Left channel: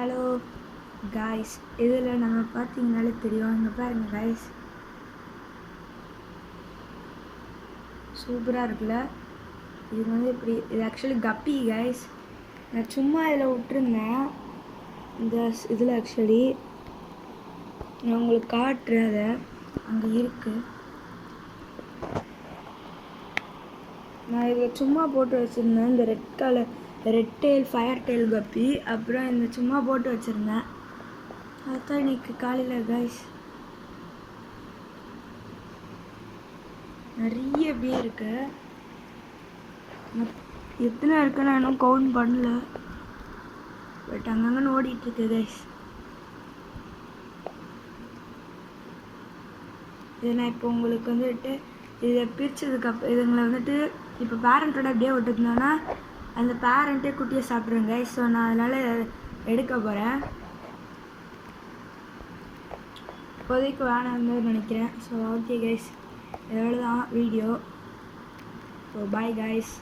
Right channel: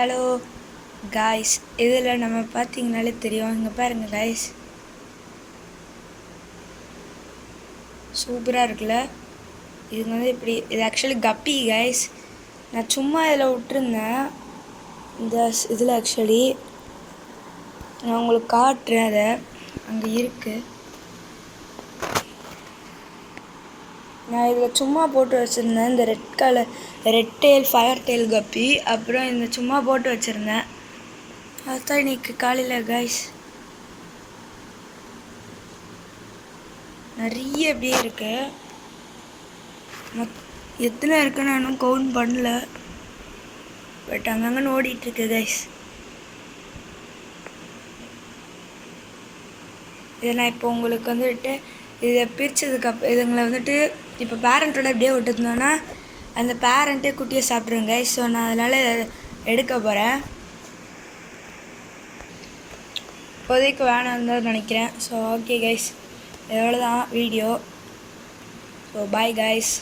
Hello guys, இதில் நம்ம பார்த்தீங்கனாலே தெரியும். இங்கே பாருங்கள் காய்ஸ், சூப்பராக இருக்குல்ல. இது வந்து இப்படி இது ஆக்சுவலி கப்பி காய்ஸ். நான் சும்மா இதில் விட்டுருந்தேன். இந்த இதில் ஆக்சுவலி நான் உங்களுக்கு காட்டுறேன். அதை அங்கே இருக்குது. நான் இதில் சும்மா போட்டு வச்சுருந்தேன். இந்த ரெட் டெயில் ஃபயர் டெயில் கப்பி. அப்புறம் இந்த சும்மா போட்டு வச்சுருந்தேன். அதுதான் இன்னைக்கு காலையில் கைஸ் நிறைய அப்படியே இருக்கு. எத்தனை இருக்கு நான் இன்னும் கவுண்ட் பண்ணல. பட் அங்கங்கே ஓடிட்டுருக்கு கைஸ். இதை நான் இப்போ உங்களுக்கு வந்துட்டு இதை பிரித்ததுக்கு இதுங்களை வந்துட்டு இப்போ பேரண்ட்டோட அப்படியே விட்டுருந்தோன்னா அந்த பேரண்ட்டே குட்டியை சாப்பிட்ருங்க கைஸ். ஸோ நான் அதனால் எடுக்க போகிறேன். இப்போதைக்கு வேணாம் தான் நினைக்கிறேன். ஸோ ஓகே கைஸ், எவ்வளோ தான் வீடியோ. So bye guys.